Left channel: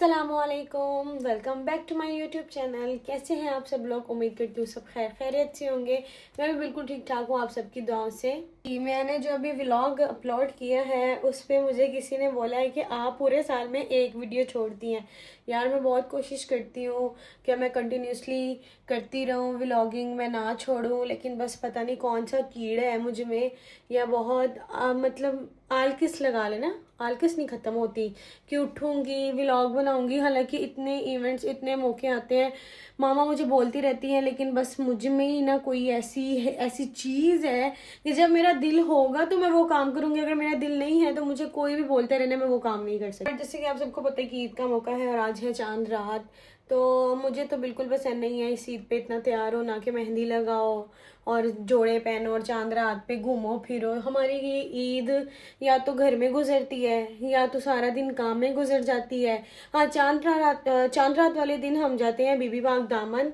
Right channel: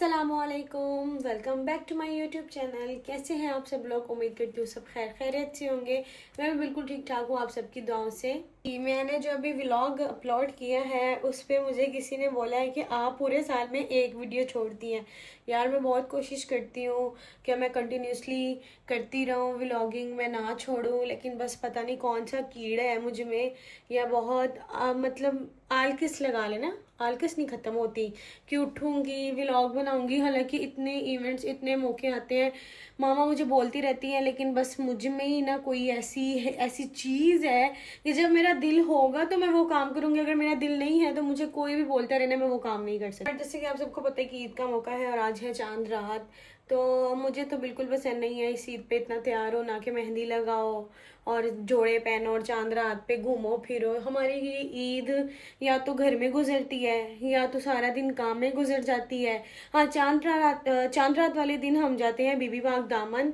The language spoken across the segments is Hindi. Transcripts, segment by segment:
अस्सलामुअलैकुम, welcome back to my YouTube channel. कैसे हैं आप सब लोग? उम्मीद करती हूँ सब खैर खैरियत से होंगे। मैं भी बिल्कुल ठीक ठाक हूँ आप सबकी दुआओं से। मैंने जो अभी व्लॉग अपलोड किया है उस पर मुझे किसी ने बोला है कि आप पूरे साल में एक वीडियो छोड़ती हैं। यार मैं बहुत कोशिश करती हूँ कि मैं कंटिन्यूसली करती रहूँ व्लॉगिंग, मैं ना छोड़ूँ, लेकिन बस पता नहीं कौन सा कीड़ा है मुझ में, या बहुत मतलब आलकिस लगा लेना, आलकिस नहीं ख़त्म होती कि उठूँगी व्लॉग बनाऊँगी। हालांकि इतने इवेंट्स, इतने मौके आते हैं, मामा मुझे बोलती रहती हैं, लेकिन बस मुझ में ही ना कोई ऐसी चीज़ है कि जब मेरा दिल होगा तो मैं वो काम करूँगी, अगर मेरा दिल नहीं है तो मुझे कोई भी बोलता रहना, मैं वो काम नहीं कर सकती। जैसे कि आप सबको पता है कि ईद का मौका है और आज है चांद रात, तो मुझे तो बिल्कुल पसंद नहीं है इस ईद पे इतना तैयार होना कि मेहंदी लगाओ और जोड़े पहनो और चांद रात पे घूमो फिरो। हमारी ये ईद या तो घर में गुजरती है या तो सारा दिन काम में गुजर जाती है। हाँ, चांद रात वाले दिन हम जाते हैं बीबी बाग दामन।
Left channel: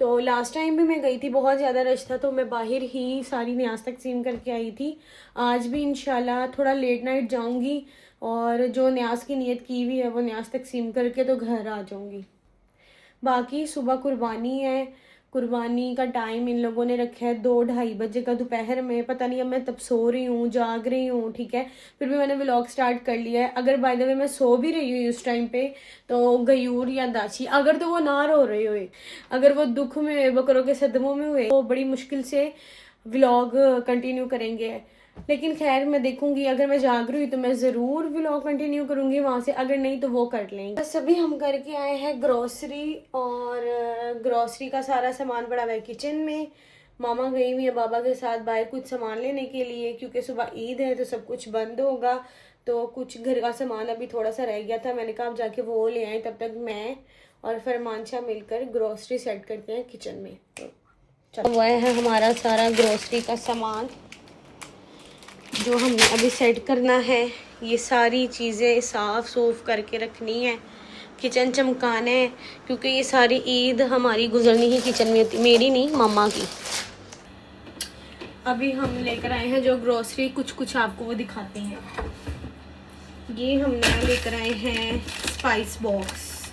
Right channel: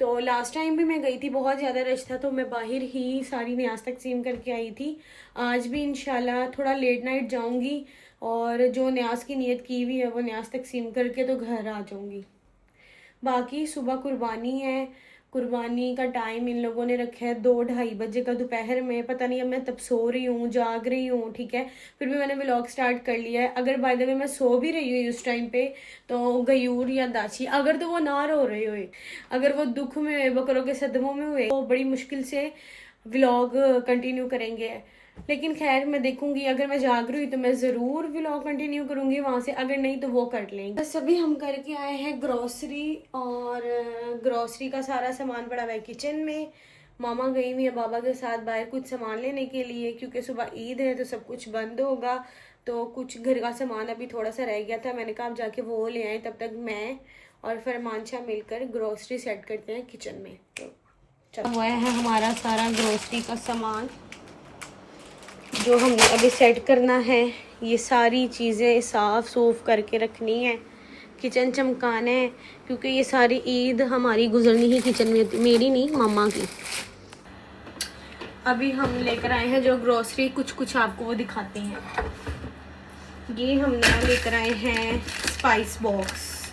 तो लास्ट टाइम भी मैं गई थी, बहुत ज़्यादा रश था, तो मैं बाहर ही सारी न्याज तकसीम करके आई थी। आज भी इंशाल्लाह थोड़ा लेट नाइट जाऊंगी और जो न्याज की नीयत की हुई है वो न्याज तकसीम करके तो घर आ जाऊंगी। बाकी सुबह कुर्बानी है, कुर्बानी का टाइम इन लोगों ने रखा है 2-2:30 बजे का दोपहर में। पता नहीं अब मैं तब सो रही हूँ जाग रही हूँ, ठीक है, फिर भी मैंने व्लॉग स्टार्ट कर लिया है। अगर बाय द वे मैं सो भी रही हूँ उस टाइम पे तो गयूर या दाची अगर तो वो ना रो रहे हुए, अगर वो दुख में हुए, बकरों के सदमों में हुए, तो बड़ी मुश्किल से व्लॉग कंटिन्यू करेंगे। लेकिन खैर मैं देखूंगी, अगर मैं जाग रही हूँ तो मैं ज़रूर व्लॉग कंटिन्यू करूंगी वहाँ से, अगर नहीं तो वो कर लेंगे। बस अभी हम करके आए हैं ग्रोसरी, और ग्रोसरी का सारा सामान पड़ा हुआ है किचन में। मामा गई हुई है बाबा के साथ बाहर कुछ सामान लेने के लिए, क्योंकि सुबह ईद है तो सब कुछ बंद होगा। तो कुछ घर का सामान अभी थोड़ा सा रह गया था, मैंने कहा आप जाके वो ले आए, तब तक मैं और फरमान शाह मिलकर ग्रोसरी सेट करते हैं किचन में। तो चलो, वह है हमारा सारा ग्रोसरी का सामान जो हमने अभी सेट करना है। ये सारी चीज़ें साफ़ सूफ करके रखनी है, किचन चमकाना है, क्योंकि ये सारी ईद हमारी गुजरनी ही किचन में होती, मेरी नहीं मामा की। अभी हम लेकर आए हैं जो ग्रोसरी, कुछ कुछ आपको वो दिखाते हैं। ये हमने लेकर आए हैं स्पाइस बॉक्स,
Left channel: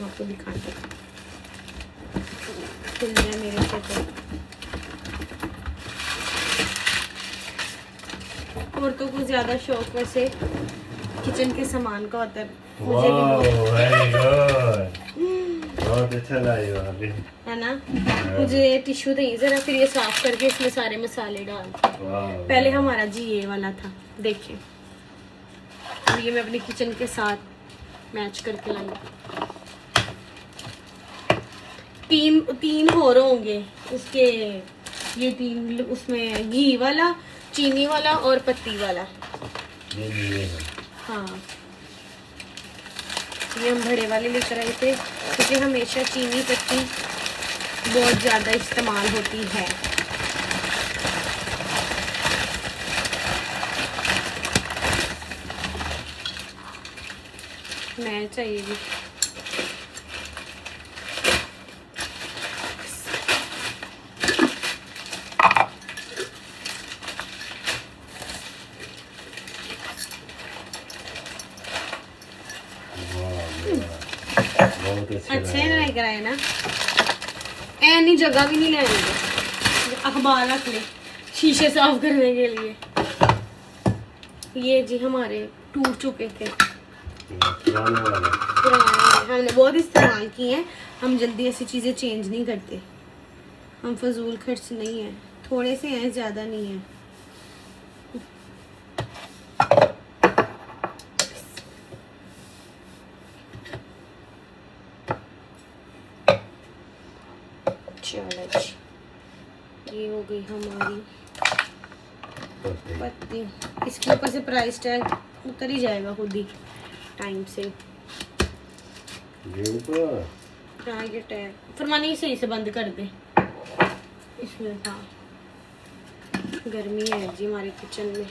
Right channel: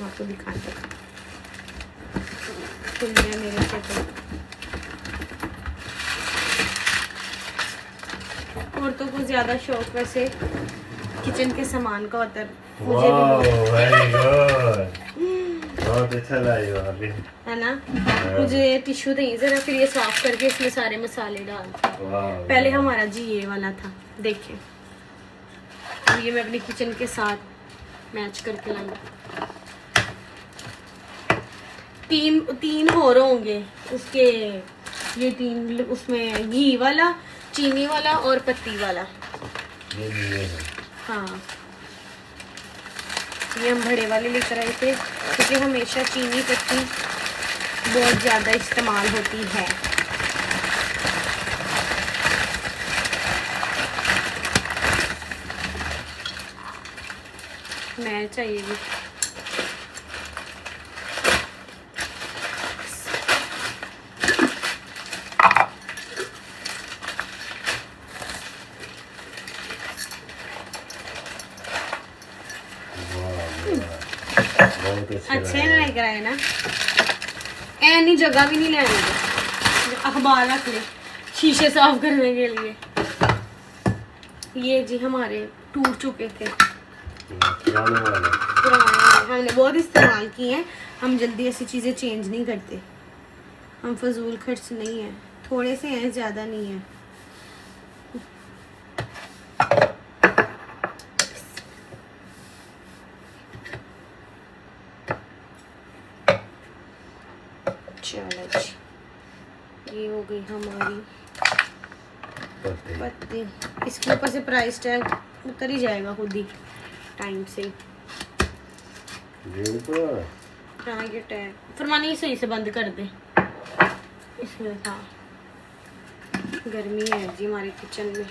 आपको दिखाते हैं मेरे से। तो औरतों को ज्यादा शौक वैसे किचन के सामान का होता है, मुझे भी बहुत अच्छा लगा अभी, है ना। मुझे टिश्यू दें जरा, फिर ये साफ करके इसमें सारे मसाले डाल। पहले हमारा जी ये वाला था, देखिए ये मैं अपनी किचन के साथ मैच करके लाई। तीन और होंगे उसके, ये तीन, उसमें घी वाला, चीनी वाला और पत्ती वाला। ये हाँ, ये हम बड़े वाले लेकर आए थे, क्योंकि हमेशा चीनी पत्ती बहुत ज़्यादा इस्तेमाल होती है। मैं चाहिए अच्छे लग रहा है ना। ऐनी जगह भी नहीं लेनी, अखबार रख ले शीशे साफ करने के लिए। ये जी हमारे टूट चुके थे, पुराने, हमने बहुत इस्तेमाल किए हैं। हम जल्दी ऐसी चीज़ें चेंज नहीं करते, हम फजूल खर्च नहीं है, थोड़े से हैं, ज़्यादा नहीं है। चलो जी, ये हो गई हमारी पत्ती। इसके ऊपर से प्राइस टैग उतर ही जाएगा खुद ही टाइम से। हाँ, ये टैग फरमानी सही से बंद कर दे इसमें। हाँ, गर्मी है जी हमारे किचन में।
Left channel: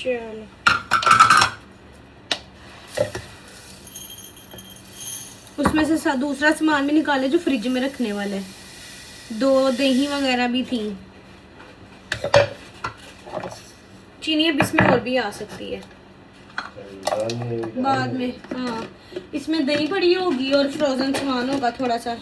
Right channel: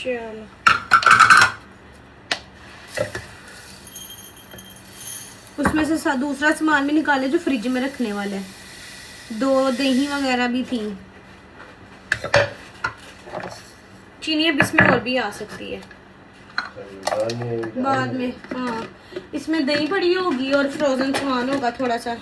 चलो, उसमें से दूसरा सामान भी निकाले जो फ्रिज में रखने वाला है। 2 दही वगैरह भी थी। चीनी अब इसमें और भी आ सकती है बाद में। हाँ, इसमें दही पड़ी होगी और फ्रोजन सामान होगा थोड़ा सा।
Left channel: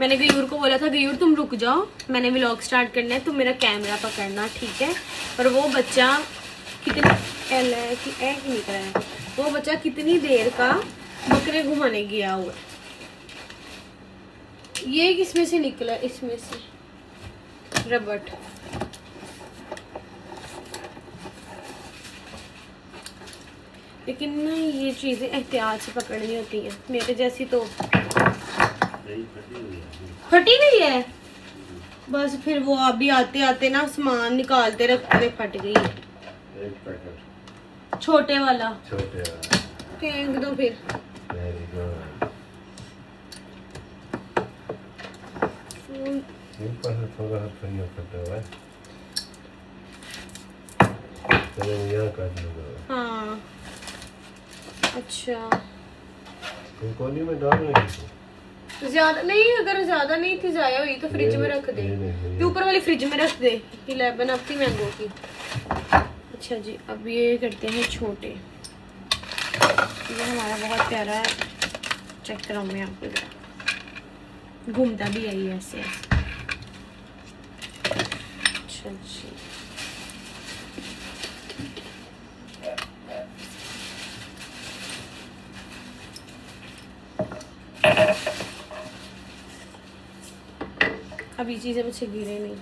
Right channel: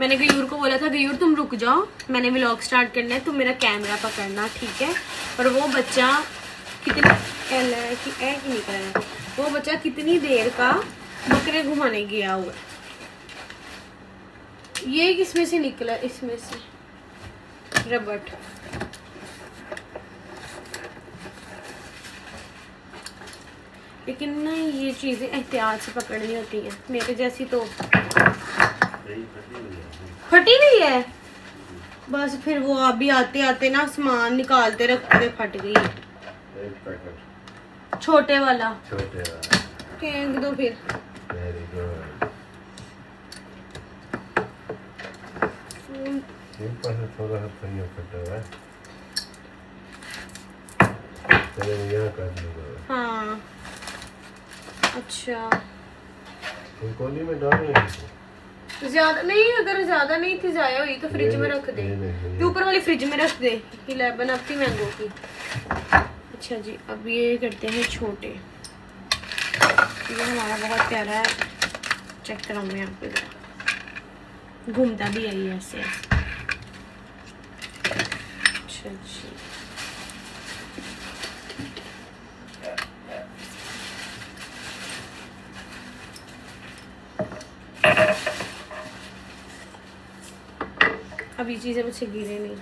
मैंने गयूर को बोला था, गयूर तुम रुक जाओ, मैंने व्लॉग स्टार्ट करना है, तुम मेरा कैमरा पकड़ना, ठीक है। और वो बच्चा वो बच्चा कितनी देर का बकरे घुमाने गया हुआ। ये किसमें से निकला? इसमें से रबट। लेकिन ना ये चीजें एहतियात से पकड़नी होती हैं। मेरे जैसी तो फटी हुई है। बस फिर वो अभी आते आते ना सामान निकालते रखते फट गई। एक पैकेट छोटे वाला फेंक दो फिर। Very good. ऊपर से थोड़ा सा पहिया कटा हुआ है, चलो यहाँ काट लूँगा। हाँ अच्छा, कोनी में डाल नहीं ज्यादा नहीं, अगर ज्यादा नहीं थी जाया हुई तो फ्रिज में रख दे। ये ऊपर वाली फ्रिज में रख दे। 11 अब थी मैंगो की। अच्छा जी, अब ये करते हैं छोटे। ये हमारा बहुत प्यारा है, चेक कराऊंगी आपको जरा। घूमता भी है ये ऐसे। अच्छा जी, अब ये चीजें मुझसे गिरे नहीं।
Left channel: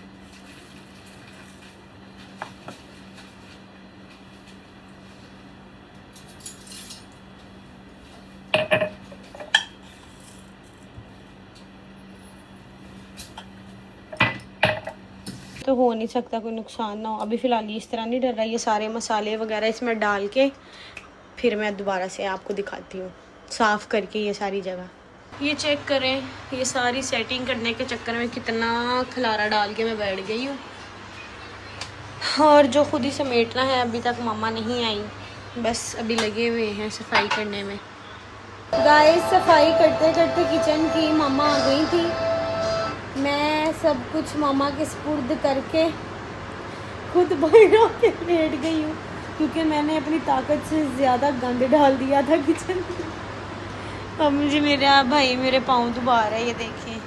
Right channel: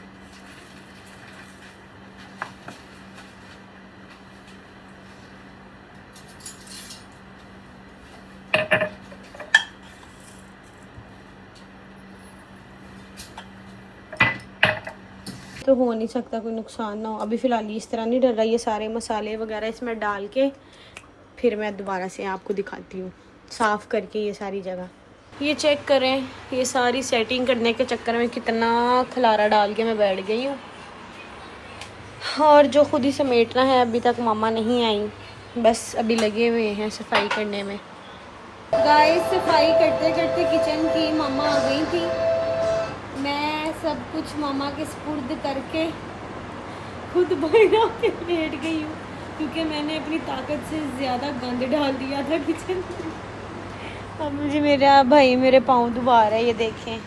तो हो नहीं सकता कोई नुकसान ना हो। अभी फिलहाल ये इस तरह नहीं डर रहा। ये सारे मसाले वगैरह इसमें डाल के फिर मैं दोबारा से आपको दिखाती हूँ साफ करके ये सारी जगह। ये चेक करें, ये सारी सेटिंग करने के चक्कर में कितना खलारा डाल के मैं बैठ गई हूँ। और जो खुद ही समेटना है, अभी तक मामा नहीं आई, बस अभी लगे हुए हैं सफाई करने में। गाइस, सफाई करते करते किचन की मामा आ गई थी। मैं सब कुछ मामा के सुपुर्द करके खुद बाहर आके बैठ गई हूँ, क्योंकि मैंने अपनी ताकत से ज़्यादा गंद डाल दिया था किचन में। अब मुझे मेरा भाई मेरे पाँव दुबा रहा है, ये देखें।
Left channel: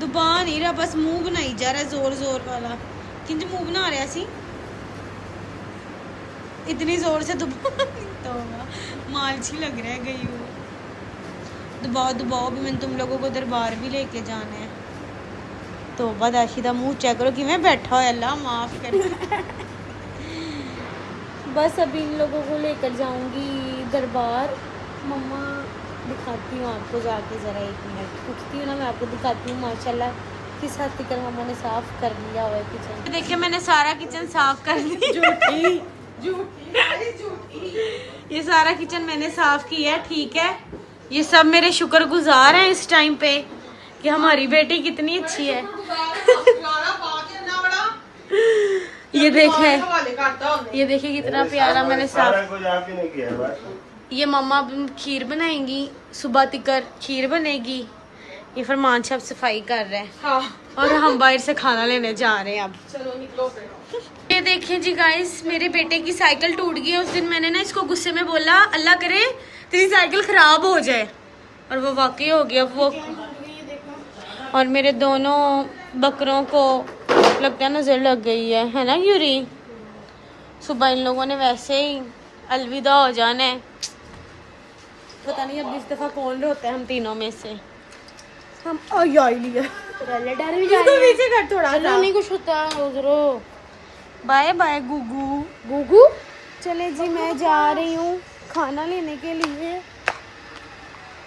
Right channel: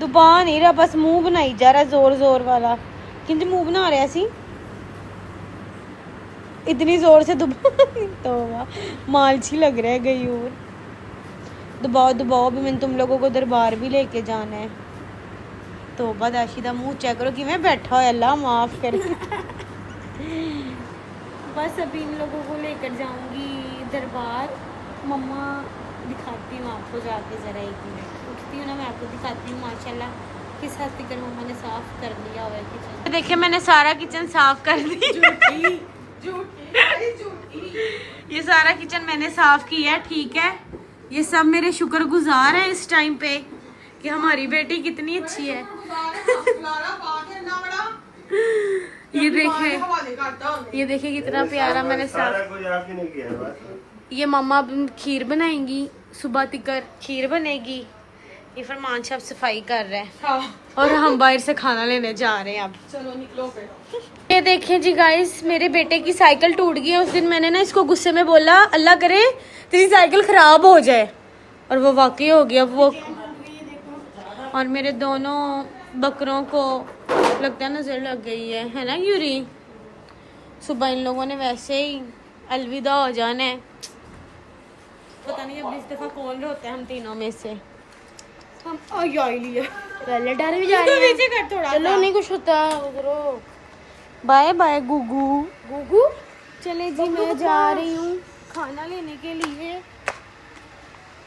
दुबा नहीं रहा, बस मुंह बनाई जा रहा है जोर जोर वाला। किंज मुंह बना रहा सी, इतनी जोर से दुबा तो मालची लग रहा है। गई और दबाओ दबाओ भी, मैंने तुम लोगों को दरबार भी लेके जाना है। तो बदाशी का मुंह चेक करो कि मैं बैठा हो, अल्लाह माफ कर। बस अभी इन लोगों को लेकर जाऊंगी दरबार। मम्मा दिखाती हूँ आपको जाके, ज़रा 1 मिनट उठती हूँ ना, मैं आपको दिखाती हूँ माशाल्लाह किस हद तक मम्मा ने साफ कर लिया हुआ है किचन। देखिए मैंने सारा किचन साफ कर दिया। ये सारा किचन मैंने साफ किया है, ठीक है। ये सब मेरे शुक्रगुजार हैं इस टाइम पे कि हमारी बेटी कितनी अच्छी है। ये देखिए कितना प्यारा मैंने साफ। ये मम्मा खीर बनाएंगी, सुबह तिकर खीर बनेगी। ये फरमान साहब सफाई कर रहे हैं। हाँ। और हम बाहर से खाना लेने जा रहे हैं अब। चलो निकलो फिर। ये देखिए जी गाइस, मेरे बेटे की साइकिल टूट गई है। उस दिन मैंने ना इसको गुस्से में बोला अल्लाह करे तेरी साइकिल खराब हो जाए, और वो वाकई हो गया। वो और मेरे दोनों बकरों को लगता है नजर लग गई है ना यूरी। सुबह इन लोगों ने वैसे ही अलविदा हो जाना है। पता नहीं अब इस दफा कौन रोता है हम तीनों में से। हम पीछे कर थोड़ा सा, नहीं कुछ होता उधरो। Bye bye Gugu Gugu. चले जी, मैं जा रही हूँ खाना लेने के लिए।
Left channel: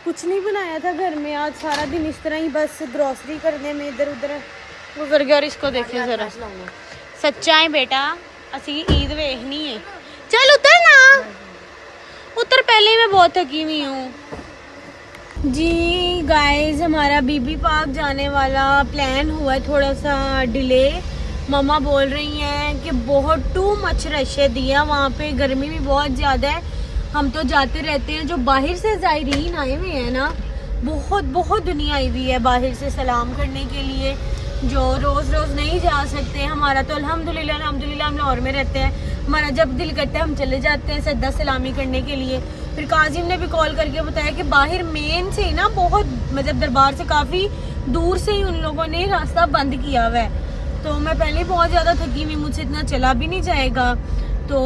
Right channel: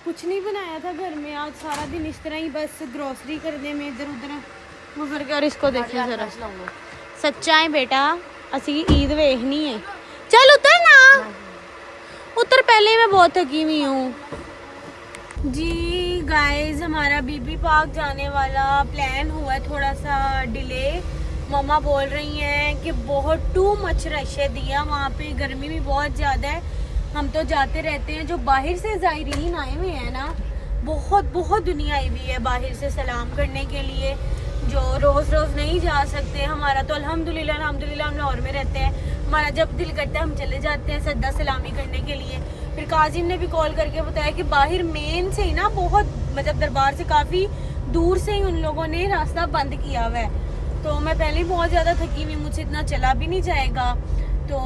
कुछ नहीं बनाया था घर में आज, सारा दिन इस तरह ही बस ग्रोसरी करने में इधर उधर गुजर गया। और इसको देखिए जरा, सच्चा है बेटा, असली ईद वेखनी है। चल उतर ना, उतर, पहले ही मैं बहुत थकी हुई हूँ जी। गाइस, हमारा बीबी पार्क जाने वाला प्लान हुआ है थोड़ा सा डिले। मम्मा बोल रही हैं कि बहुत टू मच रश है दिया वहाँ पे, गर्मी भी बहुत ज़्यादा है। हम तो जाते रहते हैं, जो बाहर से ज़ायरीन आए हुए हैं ना, बहुत बहुत दुनिया आई हुई है बाहर से सलाम करने के लिए, जो रोज़ रोज़ नहीं जा सकते हैं। हमारा तो अल्हम्दुलिल्लाह हम लाहौर में रहते हैं, हमारा जब दिल करता है हम चले जाते हैं सद्दा सलामी करने के लिए। फिर काजिम ने भी कॉल करके बताया कि बाहर मेन से ना बहुत मतलब दरबार से काफ़ी दूर से ही उन लोगों ने रास्ता बंद किया हुआ है। तो मैं पहले बहुत ज़्यादा थकी हुई, मुझसे इतना चला भी नहीं जाएगा। तो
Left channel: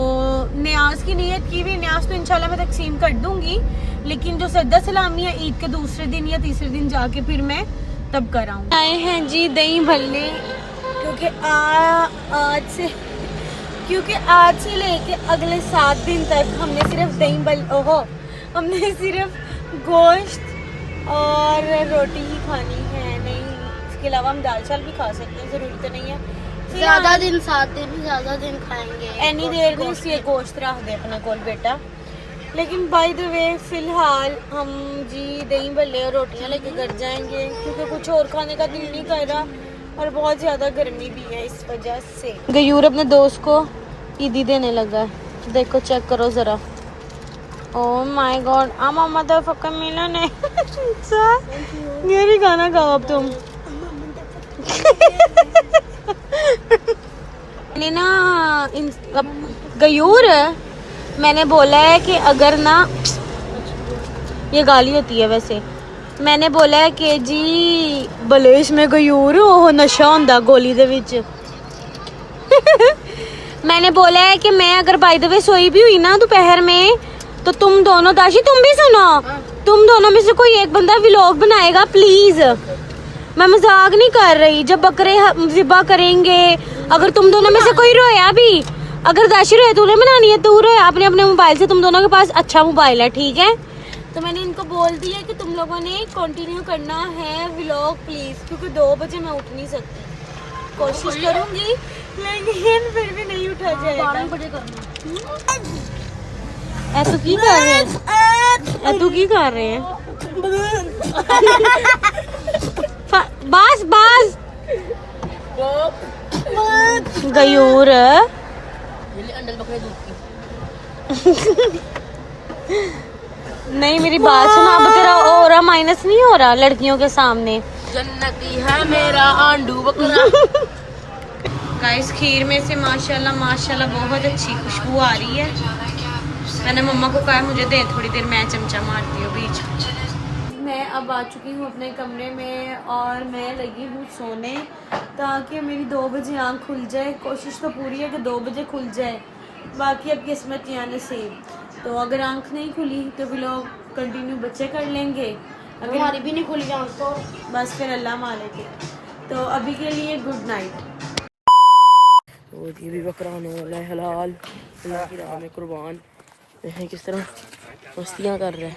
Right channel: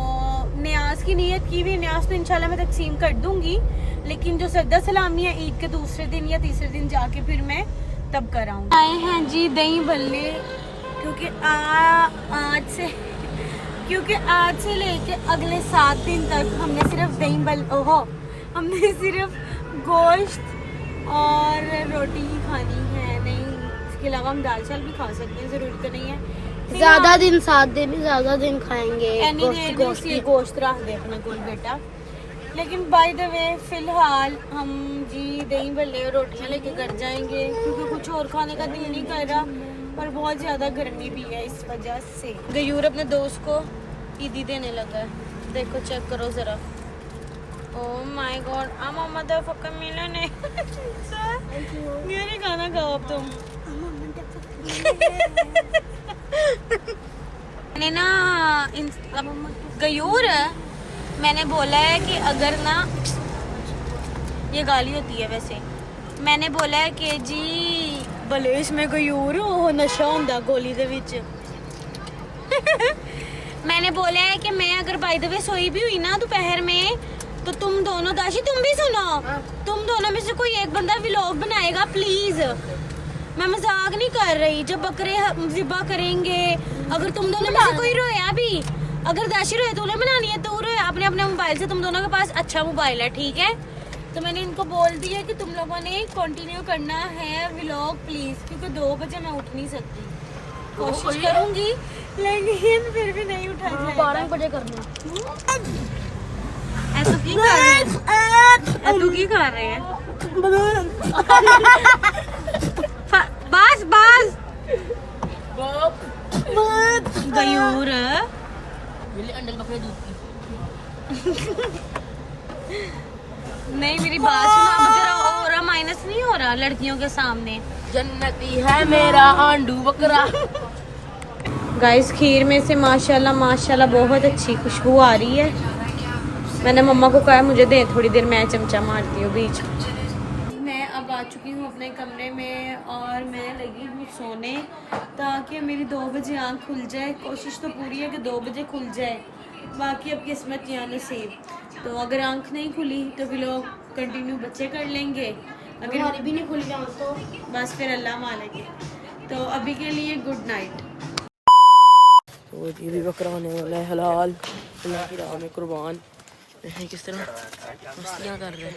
न्याज की नीयत की हुई, न्याज तो इंशाल्लाह मैं तकसीम कर दूंगी, लेकिन जो सद्दा सलामी है ईद के दूसरे दिन या तीसरे दिन जाके फिर मैं तब कराऊँ। आए हैं जी दही भल्ले, क्योंकि आज से लेके अगले 7 दिन तक हमने सिर्फ हमने सिर्फ गोश्त और रोटी ही खानी है। नहीं, इसके अलावा हम दाल चावल भी खा सकते हैं, ज़रूरी तो नहीं है। ज्यादा दिन 7 दिन ज्यादा दिन खाएंगे। एनी देर में इसलिए गोश्त रख दे अपने कोल बेटा। लेकिन बाय द वे फिलहाल हम जी दही भल्ले और रोटियां लेके कर जाएंगे, क्योंकि कुछ और खाने का दिल नहीं कर रहा और बहुत ज़्यादा गर्मी भी है इस वजह से। गयूर अपने दोस्त को ईदी देने लगा है, देखो चेक करो ज़रा। ओह माय गॉड, मामा तो फक्का मिला नहीं। ये भी खाना खाओ अब तुम। मैंने ना गयूर मैंने बोला है कि अगर ना, ये गाली होती है वैसे, मैंने बोला है कि जी बलेश में गयूर ओह नशा होंदा गोली दे विच। मैंने बोला है कि मैं अगर बाय द वे सोई भी हुई ना दोपहर में, तो तुम दोनों दाशी तुम भी सुनो, तुम दोनों में से कोई एक बंदा व्लॉग बनाएगा प्लीज। मैं मजाक नहीं कर रही। जब बकरे ज़िबा करेंगे, अगर तुम दोनों में से कोई रोया भी, अगर दाशी रोए तूने बनानी है, तू रोया अपने अपने मोबाइल से, तुम दोनों के पास अच्छा मोबाइल है ठीक है। तो मैंने इनको बोल दिया कि तुम लोगों ने कंटिन्यू करना है व्लॉग प्लीज, क्योंकि 2 बजे मैं उठ नहीं सकती। कोशिश करूंगी लेकिन फिर भी नहीं उठा जाएगा। ऐसा की कर रहे हैं, ऐसा की कर रहे हैं। बस बस गयूर नहीं, मेरी बात सुनो, अब तेरा ऑरा माइनस नहीं हो रहा लड़कियों के सामने। जन्नती है मेरा आंडू बकरा। गाइस खीर में से माशाल्लाह माशाल्लाह बहुत अच्छी खुशबू आ रही है। मैंने मम्मा को कहा मुझे दे थोड़ी देर, मैं चमचा मारती हूँ बीच। मैं अब आ चुकी हूँ अपने कमरे में और मैं लगी हूँ सोने, ताकि मेरी 2 बजे आँख खुल जाए। कोशिश तो पूरी है कि 2 बजे खुल जाए, बाकी अब किस्मत या नसीब। तो अगर आँख नहीं खुली तो भी लोग कंटिन्यू बच्चे कर लेंगे, अगर हमारी भी नहीं खुली आँख को, बस फिर अल्लाह मालिक है। तो अभी के लिए गुड नाइट। तो ये भी बकरा होने वाला है हलाल, अल्लाह की राह में कुर्बान। देखें किस तरह मस्तियाँ कर रहे हैं।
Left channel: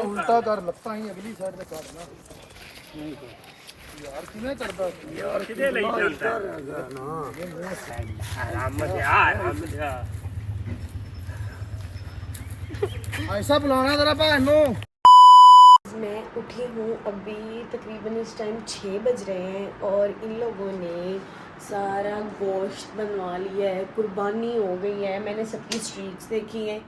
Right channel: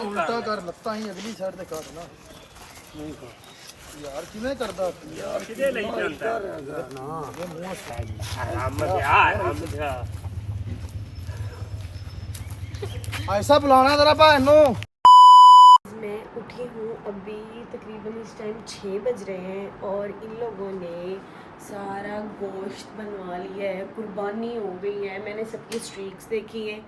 उल्टा कर लत्ता ही अगली साइड ते कर ना यार किवें करदा यार किदे ਲਈ ਜਾਂਦਾ ਨਾ आराम से ऐसा बुलाना जरा भाई नो। मैं उठी हूँ अभी, तकरीबन इस टाइम 6 बज रहे हैं और इन लोगों ने सारा गोश्त बनवा लिया है, कुर्बानी हो गई है। मैंने सबकी स्ट्रीक्स देखी हैं,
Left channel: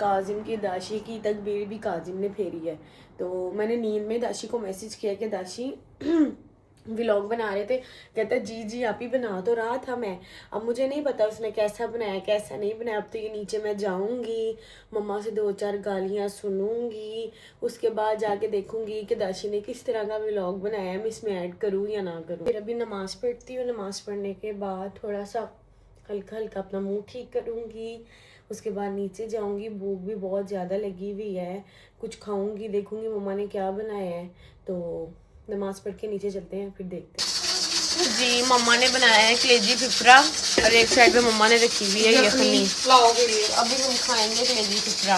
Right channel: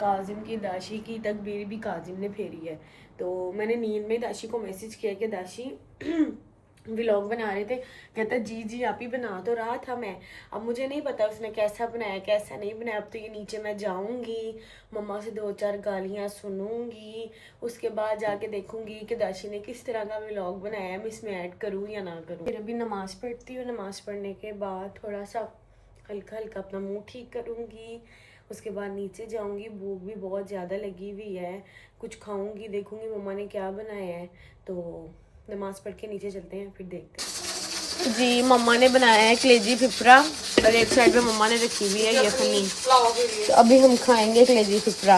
काजिम की दाशी की तकबीर भी काजिम ने फेरी है। तो मैंने नींद में दाशी को मैसेज किया कि दाशी व्लॉग बना रहे थे, कहता जी जी आप ही बना तो रहा था मैं, अब मुझे नहीं पता उसने कैसा बनाया कैसा नहीं बनाया। अब तो ये नीचे मैं जाऊंगी, मम्मा से 2-4 गालियाँ सुनूंगी, उसके बाद जाके देखूंगी कि दाशी ने किस तरह का व्लॉग बनाया है, मैं इसमें ऐड करूँ या ना करूँ। फिर अभी नमाज़ पढ़ती हूँ, नमाज़ पढ़ने के बाद थोड़ा सा हल्का हल्का अपना मुँह ठीक करूँगी, उसके बाद नीचे जाऊँगी। भूख भी बहुत ज़्यादा लगी हुई है, कुछ खाऊँगी, देखूँगी मम्मा ने क्या बनाया है। तो नमाज पढ़ के नीचे चलते हैं, फिर देखते हैं। जी मम्मा ने बनाया है कलेजी फिफरा और एक साइड पे मम्मा ने रखी हुई है यखनी। तो अभी हम खाएंगे कलेजी फिफरा।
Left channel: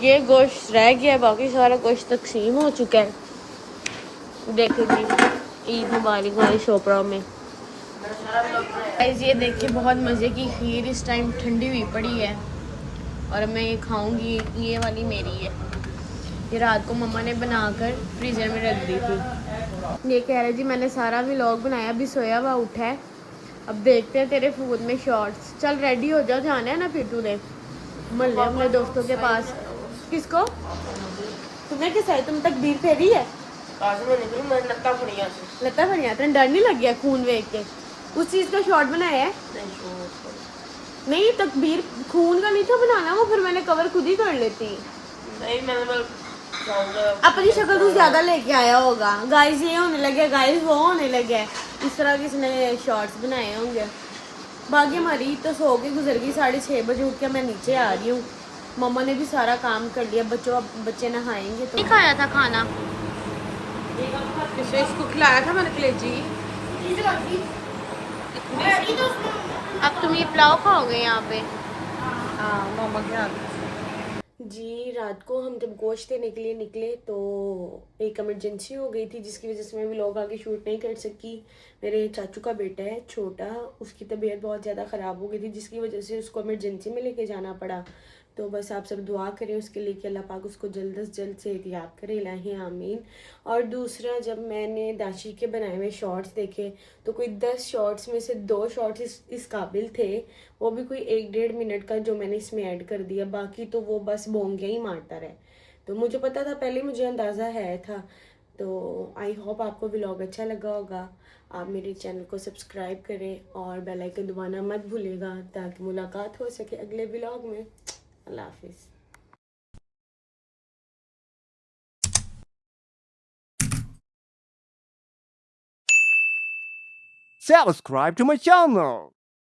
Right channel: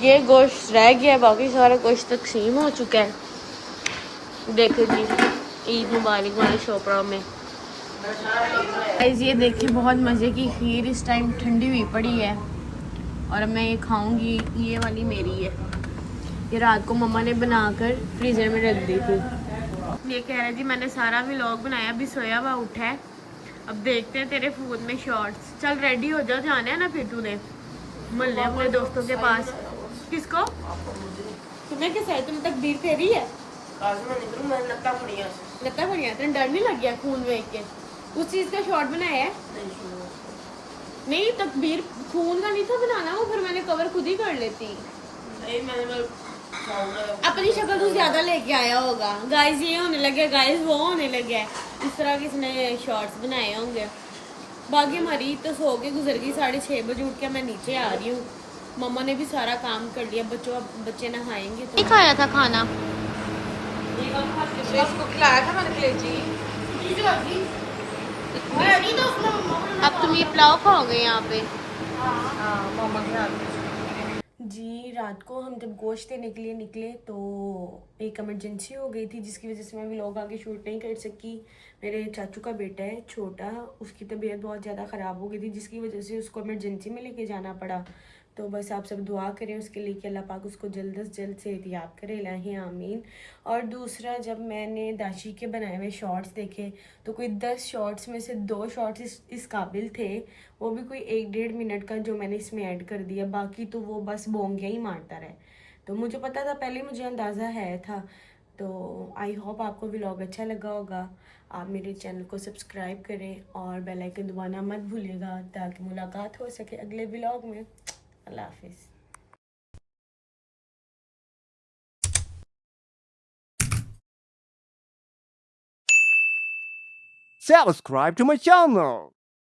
ये गोश्त रह गया है, बाकी सारा गोश्त तकसीम हो चुका है। देखो जी, ईद मुबारक वाले शोपरा में ये देखिए बहुत मज़े की खीर इस टाइम ठंडी हुई पड़ी है और मैं ये खाऊंगी। ये वाली मेरी है, ये रात को मम्मा ने बनाकर फ्रीजर में रख दी थी। ये कह रहा जी मैंने सारा व्लॉग बनाया, अभी सोया हुआ उठा है, अब देखते हैं तेरे फोन में शॉर्ट्स। चल रेडी हो जा, जाना है ना फिर तूने मोहल्ले अपने दोस्तों के पास। किसको? तुम्हें किस है? तुम तकबीर फेरी है? लत्ता फड़िया, तेरे डर नहीं लग गया खून देख के? उस चीज का शॉर्ट बनाया है? नहीं तकबीर खून का नहीं था बनाना, वो फिर मैंने कवर खुद ही कर लेती। अपनी शक्ल तू ज्यादा लेके आया होगा। गाइस ये होने लगे, गाइस वो होने लगे, इस तरह किसने शॉर्ट्स बनाए होंगे। बाकी हमारी तो सो के गुजर गई, 6:30 बजे उठ के मैं नीचे आ रही हूँ। मम्मा ने भी सारा काम कर लिया, बच्चे नहाएंगे तो। खाया था खाना अब तुम ये पुलाव खाओगे यहाँ पे? जी रात को हम जब गोश्त देने के लिए निकले तो एक इमरजेंसी हो गई थी, जिसकी वजह से मैं व्लॉग आगे शूट नहीं कर सकी। मेरे चाचू का बेटा है छोटा, उसकी तबीयत बहुत ज़्यादा ख़राब हो गई थी, जिसकी वजह से उसको इमरजेंसी में लेके जाना पड़ा। तो बस आप सब दुआ करें उसके लिए कि अल्लाह पाक उसको जल्द से जल्द सेहतियाब करे, इलाही आमीन। और दूसरा, जब मैंने दाशी के बनाए हुए शॉर्ट्स देखे तो कोई 10 शॉर्ट्स में से 2 शॉर्ट्स इस काबिल थे, वो भी कोई 1-1.5 मिनट का जो मैंने इसमें ऐड कर दिया, बाकी तो वो बस बोंगियाँ ही मारता रहे। तो मुझे पता था पहले, मुझे अंदाज़ा है था। तो आई होप आपको व्लॉग अच्छा लगा होगा। आप मेरे चैनल को सब्सक्राइब करें और बेल आइकन दबाना मत भूलिएगा, ताकि मुलाकात हो सके अगले व्लॉग में। अल्लाह हाफिज़। Subscribe to my channel.